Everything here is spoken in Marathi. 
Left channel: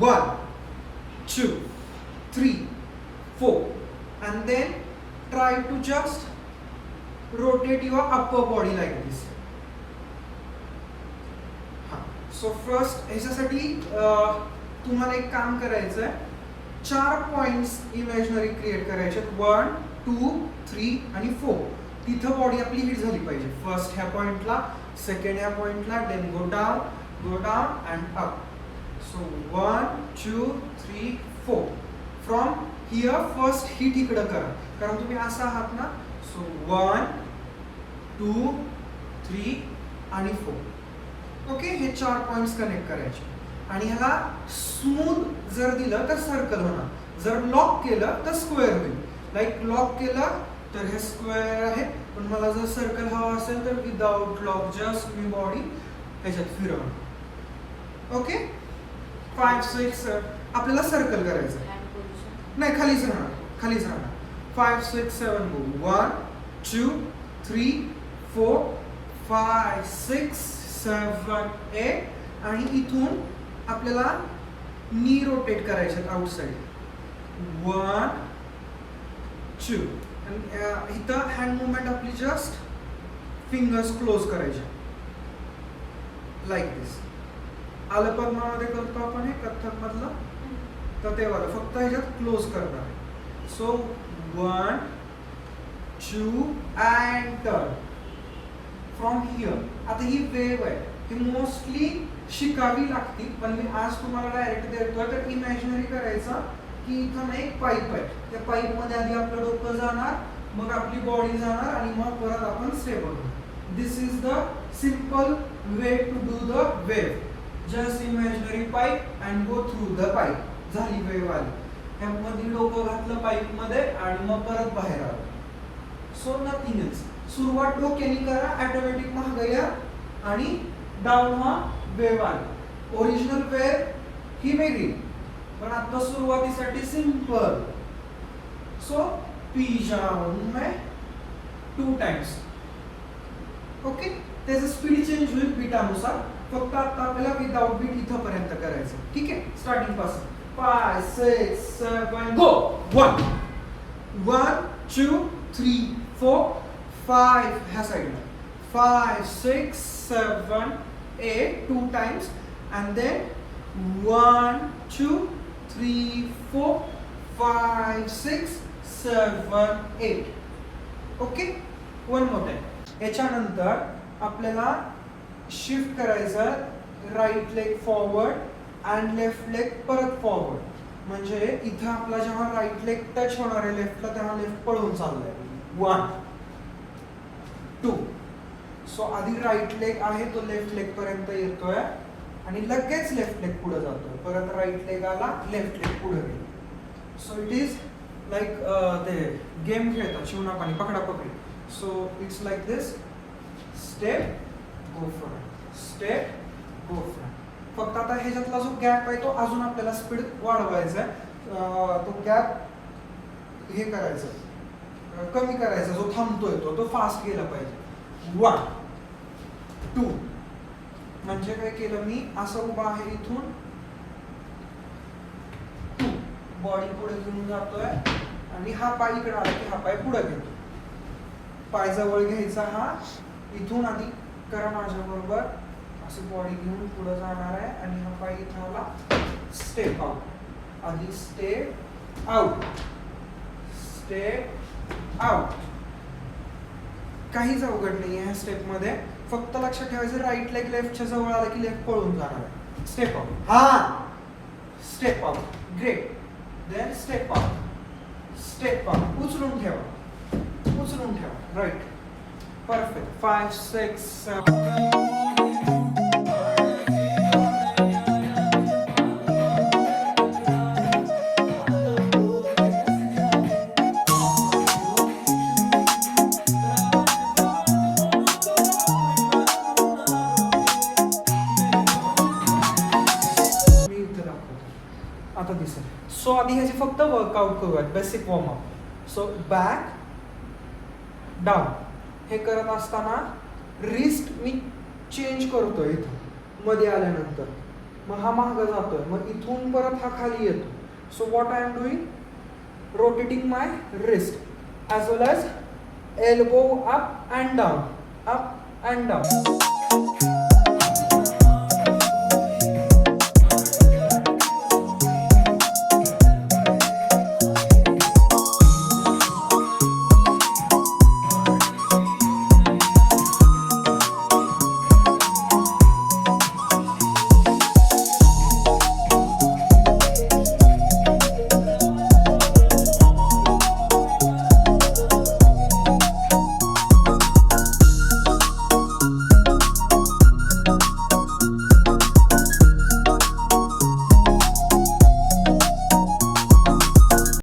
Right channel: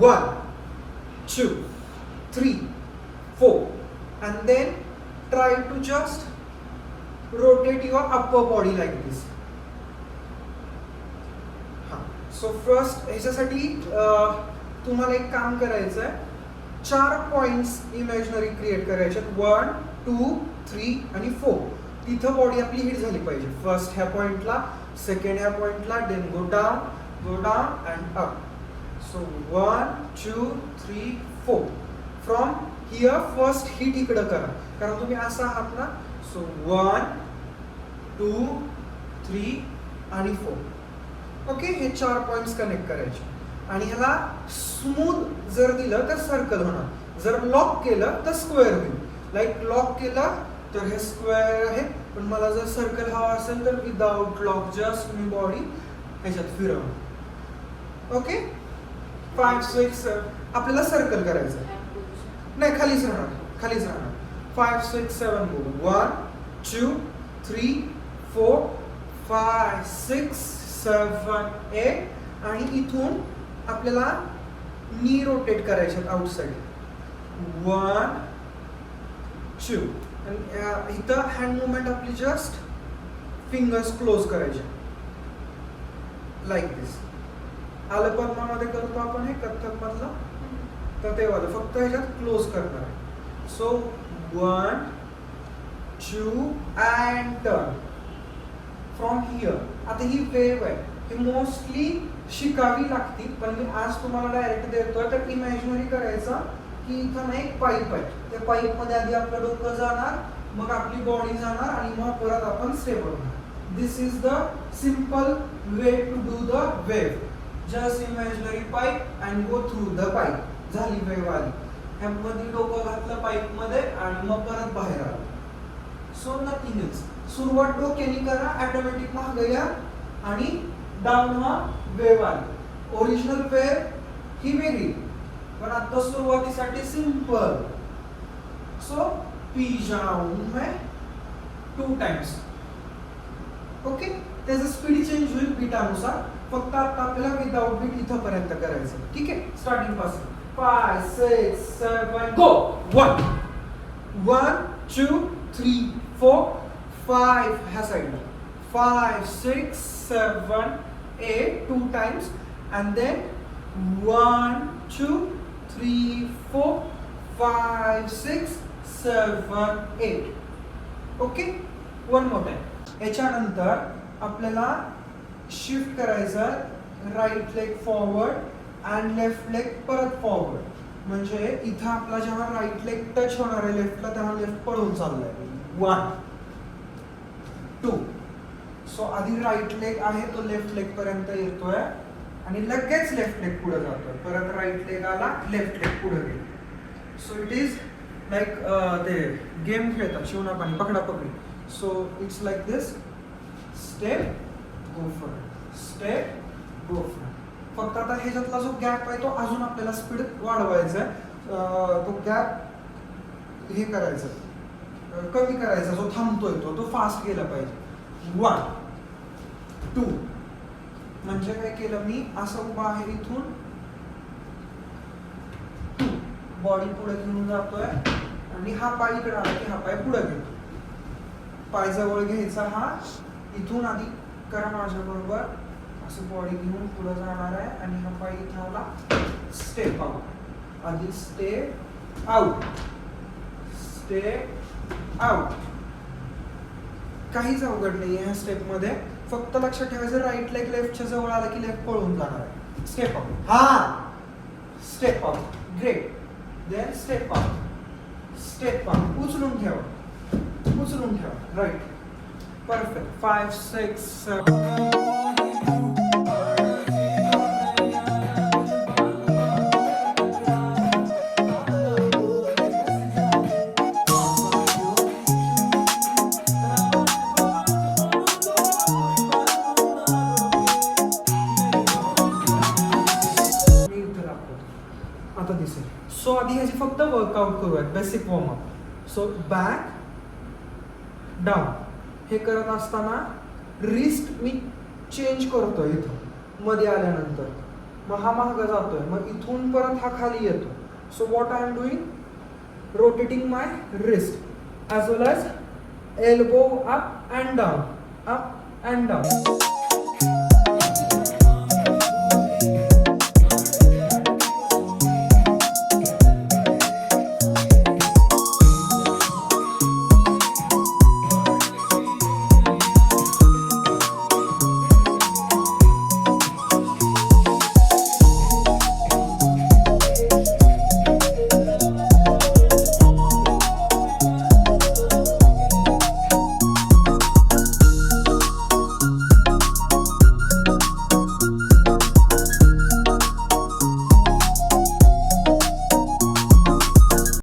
1 2 3 4 and then try to just rotate your upper body like this. So first ह्याच्यासाठी तुम्हाला एक काम करायचं आहे, 4 पॉइंट्स इमॅजिनरी क्रिएट करायचे, 1 2 3 आणि 4. तिथं बॉडी आपली हिट झाली पाहिजे. फर्स्ट ह्या पॉइंटला, सेकंड ह्या पॉइंटला, then go down and up. So 1 2 3 4. From here first hit इकडं करा, कारण तुम्ही असं आहात ना. सो 1 2 3 आणि 4. ओके, हे 4 पॉइंट्स कनेक्ट करायचे आणि ह्याला स्मूथ जर दिलं तर सर्कल होणार, जर लॉक केलं तर स्क्वेअर होईल. लाईक लॉक केलं तर हे स्क्वेअर आहे, पण मला जर सर्कल हवा असेल तर विदाउट लॉक जस्ट मी बॉडी ह्याच्यात फिरवणार. ओके, 5 6 आपल्याला सर्कल करायचं नाही, खालीच राहणार. 5 6 7 गो. 1 2 3 4 5 6 7 8 आणि इथून आपल्याला नी रोटेट करायचे आउटसाइड. 1 2 आणि इथं हँड मुवमेंट आपली जस्ट फिंगर्स क्लोज करायचे लाईक दिस. आलं पद्मामध्ये करतो आपण हे कथ्थक मधलं, तर ते वालं फक्त ह्याच्यात क्लोज करणार. So 1 2 and turn from here. आता ही वेव्ह आहे, ही मोस्टली शिकावी लागती, पण मी आज तुम्हाला डायरेक्ट देतोय. तर इमॅजिनरी करायचा की इथं ना एक पाईप आहे, त्या पाईप मध्ये आधी आपलं डोकं जाणार, मग आपली बॉडी जाणार आणि मग परत आपण स्टेबल होणार. This is the simple way to do the wave. Just imaginary pipe and go through the pipe. झाली वेव्ह आली, ह्यामध्ये डोकं घातलं पाईप मध्ये आणि मग परत बाहेर आलं. सो नथिंगच. सुरुवात डोक्याने करा, ऑटोमॅटिक मागे या आणि डाऊन हा वेव्ह आली. ओरिजिनल वेव्ह ही वेगळी, पण आता सुरुवातीसाठी सिंपल. सो पिच राऊंड में 2 टाइम्स. ओके, त्याचं स्पीड चेंज होईल बीटानुसार. फक्त आता आपल्याला विदाउट बीट इथं पर्यंत करायचं. ठीक आहे, स्टार्टिंग पासून 5 6 7 गो. 1 1 2 3 4 5 ह्या साईडला. 5 6 7 8 2 times and then 1 2 3 4 5 6 7 8. Okay, one more time. याच्यानंतर आपल्याला शिफ्ट करायचं, right leg forward and left leg परत फॉरवर्ड. म्हणजे इथं आपला जेव्हा राईट लेग टच होणार आहे लेफ्टला, तेव्हा लेफ्ट पळून चाललाय. 1 2. सो आधी राईट लेग आहे तो लेफ्ट लेग पर्यंत येतोय आणि लगेच लेफ्ट लेग पुढे जातोय. परत राईट लेग आला, लेफ्ट लेग पुढे गेला. सो इट इज लाईक ते गेम खेळतात शिवना पाणी पकडा पकडी. So it's like this. Step go front, step go front. फक्त आता ह्याच्यातला जो गॅप आहे तो अजून आपल्याला स्पीड वाढवायचा आहे. तो गॅप हे करायचं, कमी करायचा. जो थांबतोय तो फास्ट गेला पाहिजे. 1 2 म्हणजे काय केलं मी, असं उभा आहे इथून 2 बॉडी पुढे घेऊन जातोय आणि हा पाय इकडे आला की हा पाय पुढे घेतो. पाय जवळ घ्यायचा, हा इथून आधी करा माझ्या बरोबर. असं बॉडी घेऊन पुढे जाणार आहे आणि हा पाय इथं आला, स्टेप आउट. आधी स्टेप आउट, स्टेप आउट. काहीच अवघड नाही ह्या स्टेप मध्ये. फक्त लक्षात ठेवायचं, राईट लेग लेफ्टच्या जवळ आला की लेफ्ट पळून जाणार आहे. स्टेप आउट, हा step out, great. Then step out, step out. उचलून ठेवा, राईट. परफेक्ट. 5 6 7. आता दिसेल. सो आधी ह्याचे फक्त वर्कआउट करूयात, basic warm up. So back down हे करत असताना रिस्ट मी चेंज करतोय इथं मध्ये आल्यानंतर. मग हा मागं जातोय, मग इथून परत हा खाली येतो. So what I am doing, rotating my wrist as well as elbow up and down, up and down.